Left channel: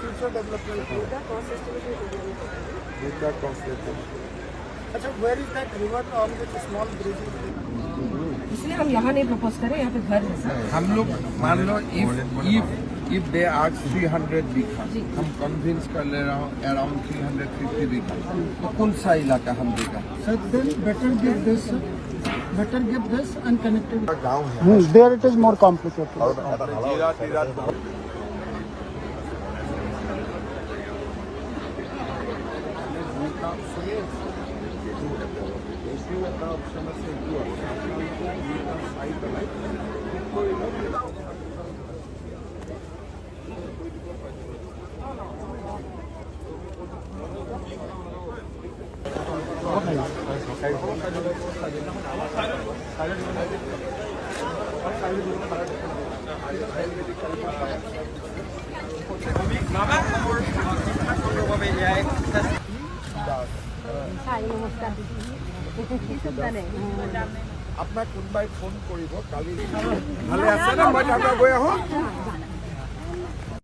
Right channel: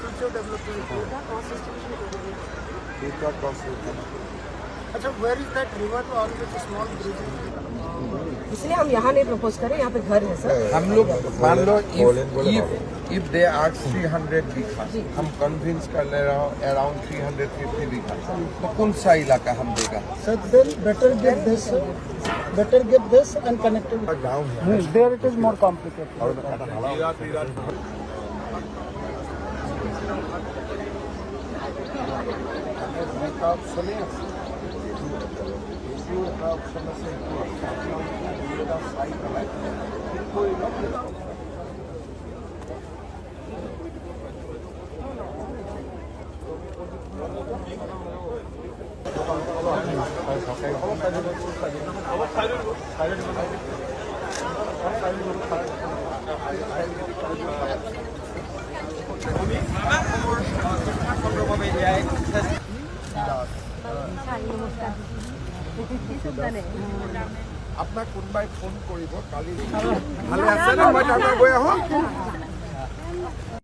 future development. अच्छा, where is that river on which small bridge is? इसलिए हम यहाँ नहीं प्रपोज करें, यहाँ पे घर है सर। हम लोग मान लो if they ask 300 बीघा, हम कन्विंस कर ले रहा हूँ अराउंड 350 बीघा, तो कौन सा इलाका हम देगा? Sir, then better get this and connected. There it is more complicated. আপোনাক কোনোবাই ফোন কৰিব কালি ভালে আছে না মই তাৰপৰা গৈ আহোঁ